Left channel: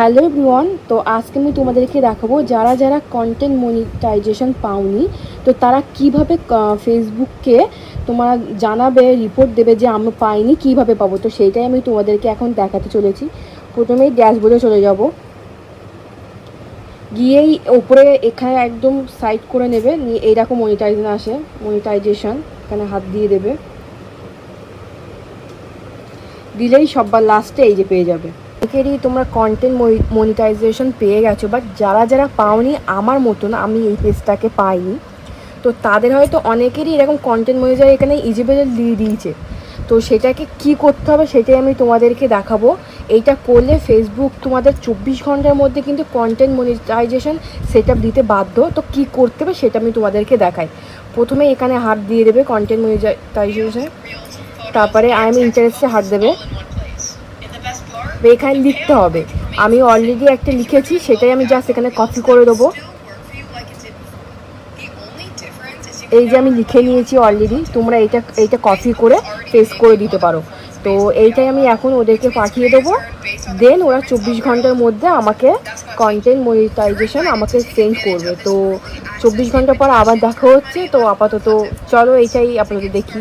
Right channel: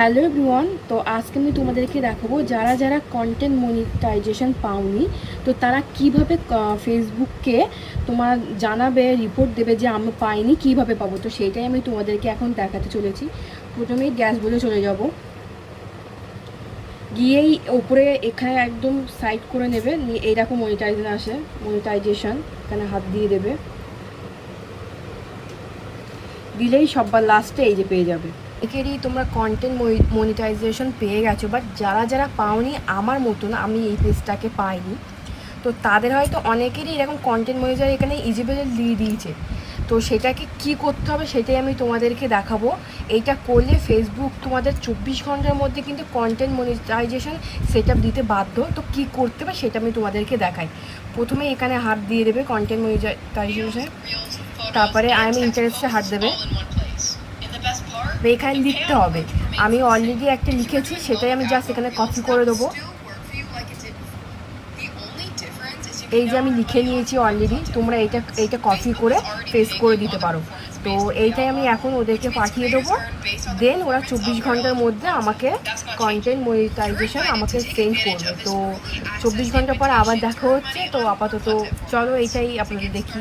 Hello everyone, তো আজকে আমি তোমাদেরকে দেখাবো যারা যারা কন্টেন্ট মনিটাইজেশন পাওনি, তো তারা কিভাবে ফেসবুককে তোমার জানাবে, রিপোর্ট দেবে যে আমি পাইনি, কিভাবে পাবো। তো সেইটাই আমি তোমাদেরকে এখন দেখাতে চলেছি। প্রথমেই ড্যাশবোর্ডে চলে যাব, গিয়েই ওপরে এখানে একদম সাইড করে নেবে, নিয়ে এইরকম মনিটাইজেশন এখানে হাত দিয়ে দেবে, দিলেই সবার লাস্টে এই যে পেয়ে যাবে। অনেকেরই তোমরা কন্টেন্ট মনিটাইজেশন পেয়ে গেছো, বাট যারা যারা পাওনি আমার মতন, আমি এই পেজটাকে পাইনি, তো তাদের হয়তো অনেকেরই এরকম কন্টেন্ট মনিটাইজেশন এখানে ইজিবেল দিয়ে দিয়েছে। তো সেটাকে কি করতে হবে সেটাই আমি তোমাদেরকে দেখাবো। এইটা করলে ফেসবুক তোমাদের 24 ঘন্টার মধ্যে কিন্তু কন্টেন্ট মনিটাইজেশন সেট আপ দিতে বাধ্য। তো কি করতে হবে সেটা আমি তোমাদেরকে দেখাই। প্রথমে এখানে হাত দিয়ে দেবে কন্টেন্ট মনিটাইজেশন, তারপরে আই এম ইন্টারেস্টে হাত দেবে, এখানে লিখতে হবে। আমি অলরেডি একটা লিখেছি, সেটাই আমি জাস্ট এখানে কপি করে দেবো। এই যে আমি লিখে নিয়েছি অলরেডি, তোমরা এইটা কপি করে পেস্ট করে দিতে পারো। তো এইটাই আমি এখন ওদেরকে পাঠিয়ে দেবো, দেন ওরা 24 ঘন্টার মধ্যে আমাকে কন্টেন্ট মনিটাইজেশন আমাকে সেন্ড করবে। তো 24 ঘন্টা পর আবার দেখা হচ্ছে। তো আপাতত চলো এইটাই আপাতত দেখি।